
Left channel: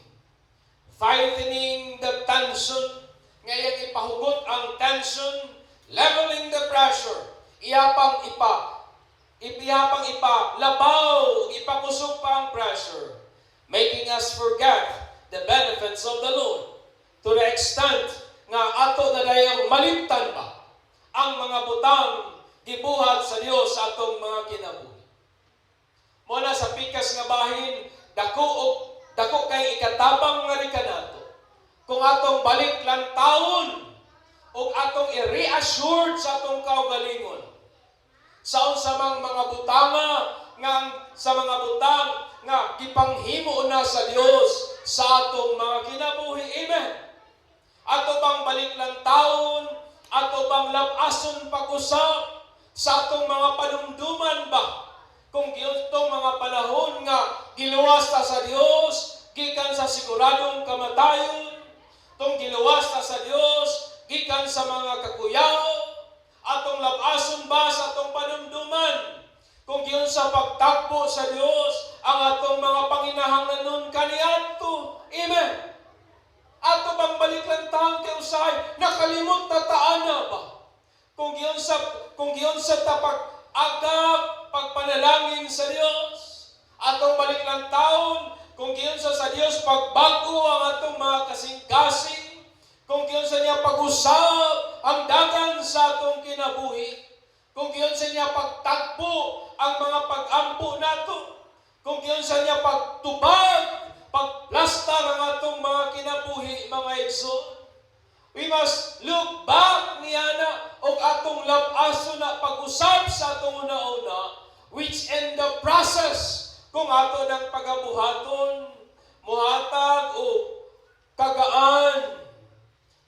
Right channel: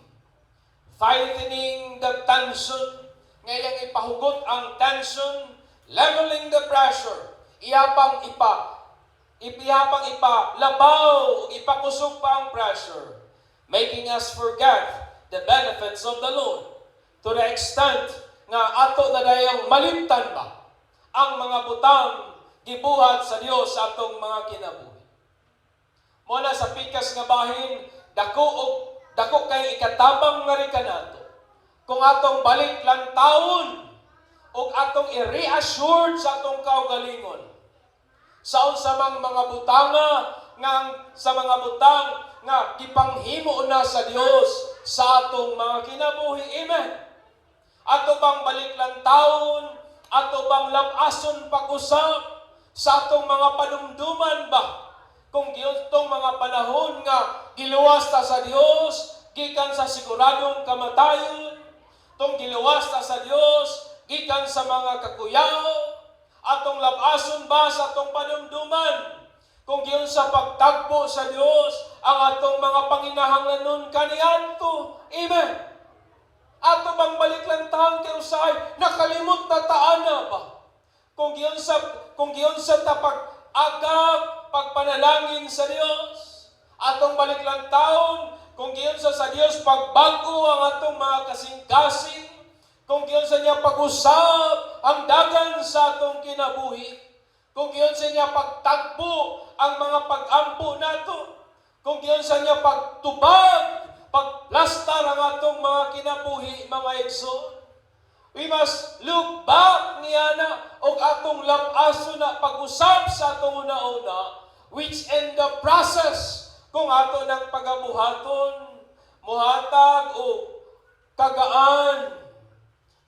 Fighting the tension, ngayon ipahugot ang tension, leveling the pressure, iyapang ipalabaw, ipakusog pa ang pressure, making us forget the benefits of the Lord, to the extent nga ato na dayang malimtan ba ang mga butang gibuhat sa Dios sa atong mga kinabuhi. Muna sa pikas nga bahin, dako kay ikatabang nga rin kanato. Kung atong balik lang taon, o atong i-reassured sa atong kaugalingon, sa unsamang mga butang nga gipanghimo na sa Dios sa atong mga kinabuhi. Amen. Ato bang balik lang taon, ato bang labason pag-usap sa atong mga panumduman ba? Kung giyon tong mga panahon nga giluwas ta sa Dios gikan sa siguradong kamatayon, tong giluwas ta sa Dios gikan sa mga kakuyaw, atong labason ba sa atong panumduman, kung giyon sa pagtagpo sa Dios ang atong mga panginahanglanon kaniadto. Amen. Ato bang balik lang taon kay usay nakalimot na taana ba? Kung giyon sa tapag-agap pagpanalangin sa Dios, atong balik lang taon kung giyon sa Dios pagbago ang atong mga kasing-kasing, kung giyon sa niya pag-usab ang dagan sa atong kinabuhi, kung giyon sa niya pagtagpo ang mga pag-ampo nato, kung giyon sa niya pagtubag, pagplastar ang atong mga kinabuhi, mga igsoon. We must look back niana og atong labaso na pag-usab sa atong una-una, which in the process kung ato ng pagabuhaton, muhatag o kagaan,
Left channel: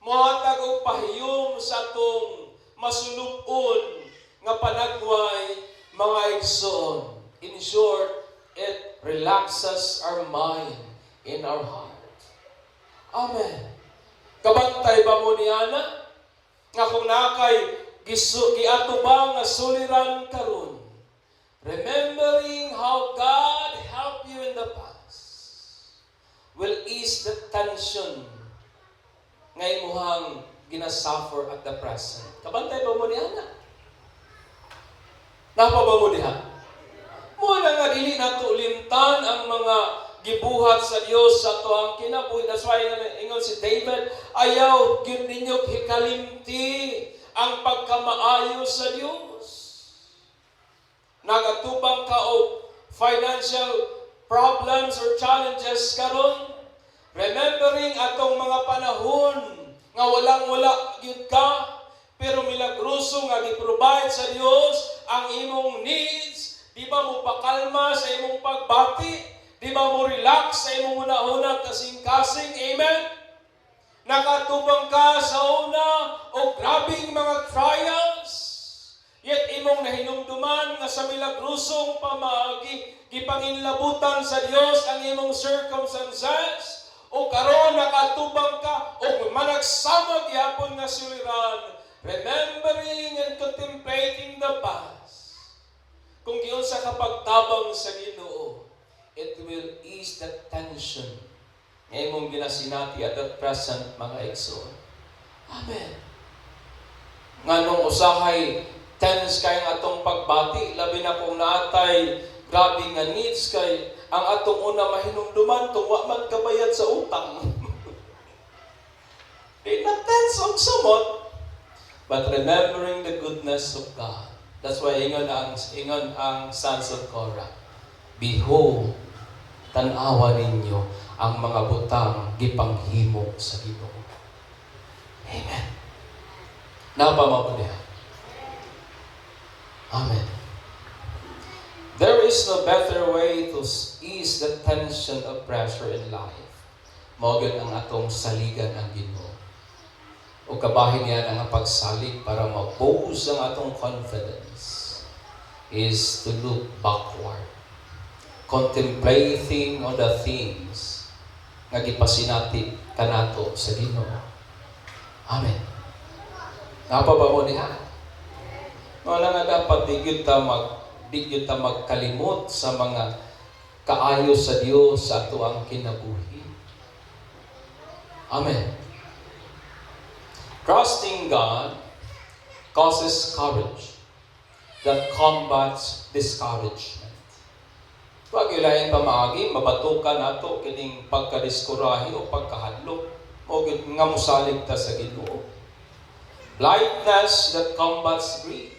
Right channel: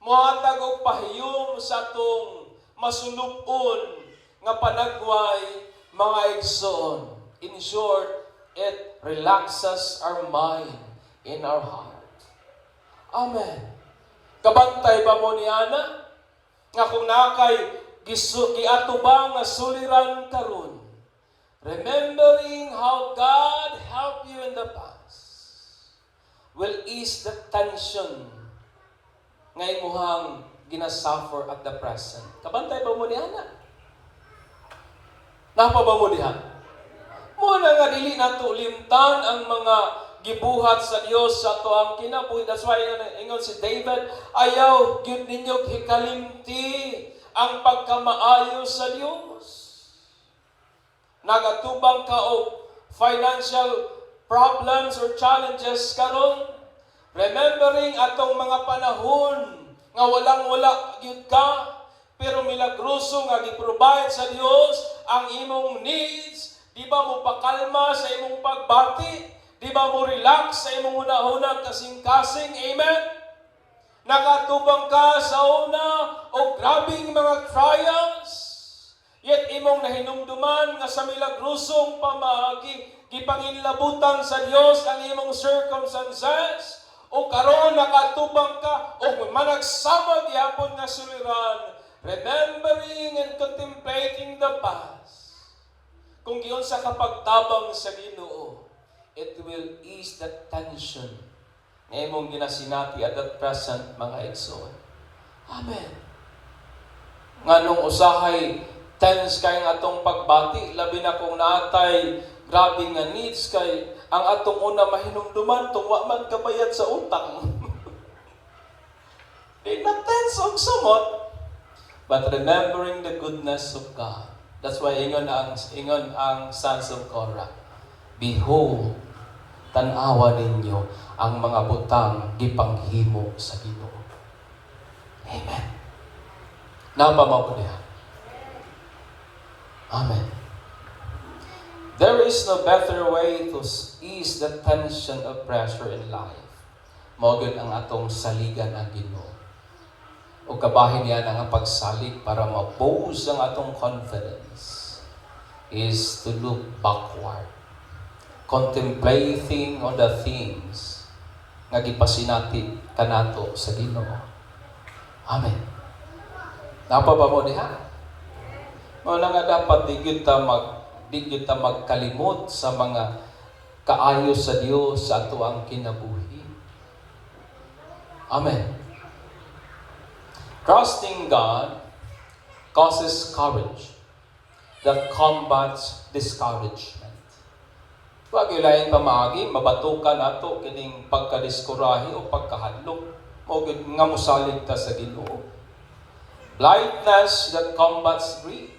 muhatag o pahiyom sa atong masulupon nga panagway, mga igsoon. In short, it relaxes our mind in our heart. Amen. Kabantay ba mo niana nga kung nakay giato ba nga suliran karon, remembering how God helped you in the past will ease the tension nga imuhang ginasuffer at the present. Kabantay ba mo niana? Napa ba mo diha? Muna nga dili nato limtan ang mga gibuhat sa Dios sa ato ang kinabuhi. That's why ingon si David, ayaw gyud ninyo hikalimti ang pagkamaayo sa Dios. Nagatubang ka og financial problems or challenges karon, remembering atong mga panahon nga walang-wala gyud ka, pero milagroso nga gi-provide sa Dios ang imong needs. Di ba mo pakalma sa imong pagbati? Di ba mo relax sa imong una-una kasing-kasing? Amen? Nakatubang ka sa una o grabing mga trials, yet imong nahinumduman nga sa milagrosong pamaagi, gipanginlabutan sa Dios ang imong circumstances, o karon nakatubang ka o managsama gyapon nga suliran, remembering and contemplating the past. Kung giyon sa kapagtabang sa Ginoo, it will ease the tension nga imong ginasinati at that present, mga igsoon. Amen. Nganong usahay tense kay nga atong pagbati, labi na kung naatay grabe nga needs kay ang atong una mahinumduman tungwa man kabayad sa utang. Di na tense on somewhat, but remembering the goodness of God. That's why ingon ang sons of Korah, behold, tanawa ninyo ang mga butang gipanghimo sa Ginoo. Amen. Napamabulihan. Amen. There is no better way to ease the tension of pressure in life. Mawagod ang atong saligan ang Ginoo. O kabahin yan ang pagsalig para ma-boost ang atong confidence is to look backward, contemplating on the things nga gipasinati kanato sa Ginoo. Amen. Napababo niya. Wala nga dapat di kita magkalimot sa mga kaayo sa Dios sa ato ang kinabuhi. Amen. Trusting God causes courage that combats discouragement. Huwag ilayan pamaagi, mabatukan nato kining pagkadiskurahi o pagkahadlok o nga musalig ta sa Ginoo. Lightness that combats grief.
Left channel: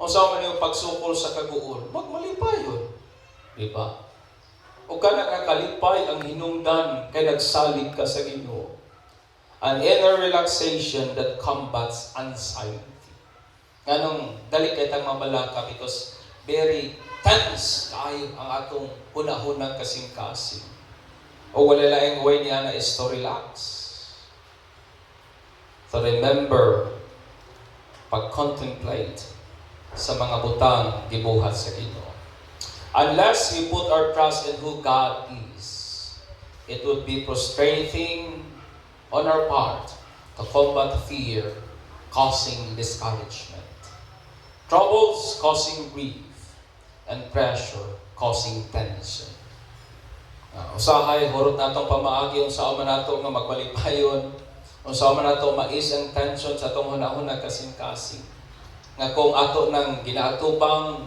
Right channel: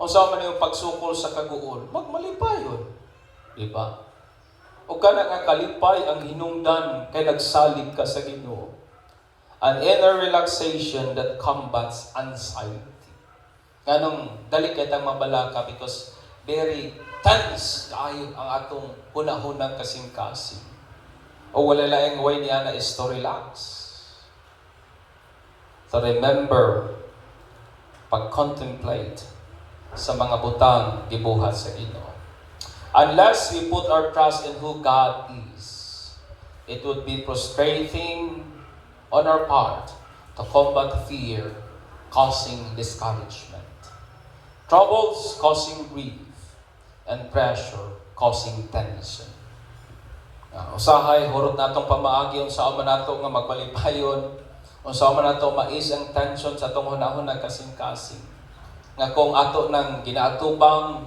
O sa man yung pagsukol sa kaguol, magmalipayon. Diba? O ka nakakalipay ang hinungdan kay nagsalig ka sa Ginoo. An inner relaxation that combats anxiety. Ganong dali kay tang mabalaka because very tense kayo ang atong hunahunang kasing-kasing. O wala laing way niya na is to relax. To remember, pag-contemplate sa mga butang gibuhat sa Ginoo. Unless we put our trust in who God is, it would be frustrating on our part to combat fear, causing discouragement. Troubles causing grief, and pressure causing tension. Usahay, hurot natong pamaagi, unsa man nato nga magpalipayon, unsa man nato mais ang tension sa atong hunahuna kasing-kasing. Nga kung ato nang ginaatubang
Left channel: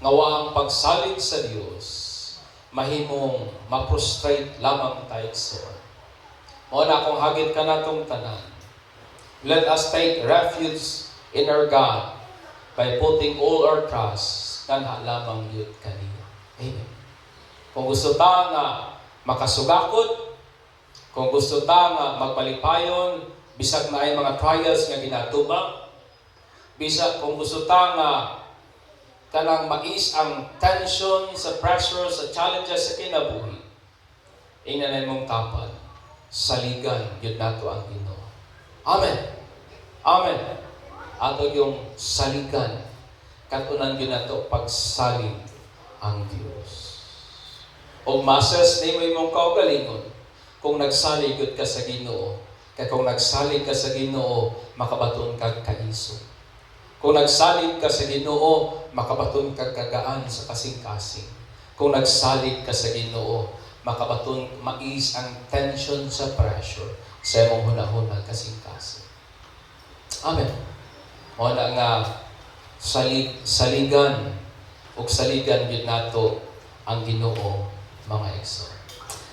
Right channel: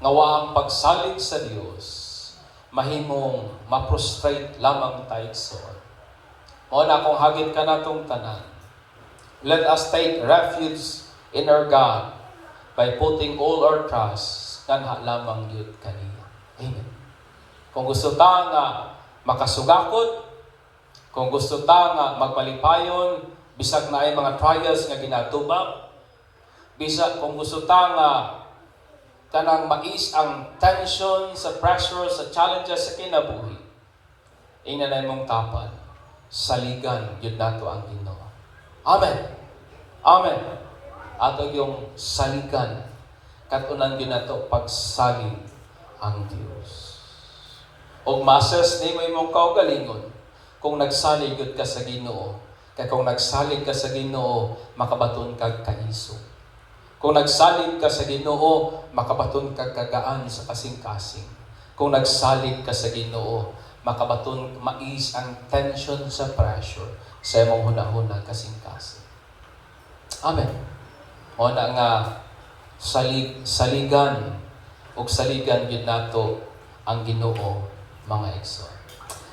nga waang pagsalig sa Dios, mahimong ma-frustrate lamang tayo sa mao na kung hagit ka natong tanan. Let us take refuge in our God by putting all our trust kanha lamang yun kaniya. Amen. Kung gusto ta nga makasugakot, kung gusto ta nga magpalipayon, bisag na ay mga trials nga ginatubang, bisag kung gusto ta nga kanang mais ang tension sa pressure, sa challenges sa kinabuhi, inanay mong tapad, saligan yun nato ang Ginoo. Amen. Amen. Ato yung saligan, katunan yun nato pagsalig ang Diyos. O masas ni mo imong kaugalingon, kung nagsalig ka sa Ginoo, kaya kung nagsalig ka sa Ginoo, makabaton kag kaiso. Kung nagsalig ka sa Ginoo, makabaton kag kagaan sa kasing-kasing. Kung nagsalig ka sa Ginoo, makabaton mais ang tension sa pressure sa imong hunahuna kasing-kasing. Amen. O na nga saligan ug saligan gyud nato ang Ginoo, mga igsoon.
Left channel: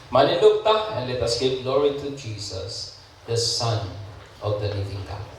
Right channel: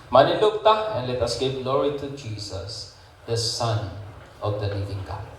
Manindog ta, and let us give glory to Jesus, the Son of the living God.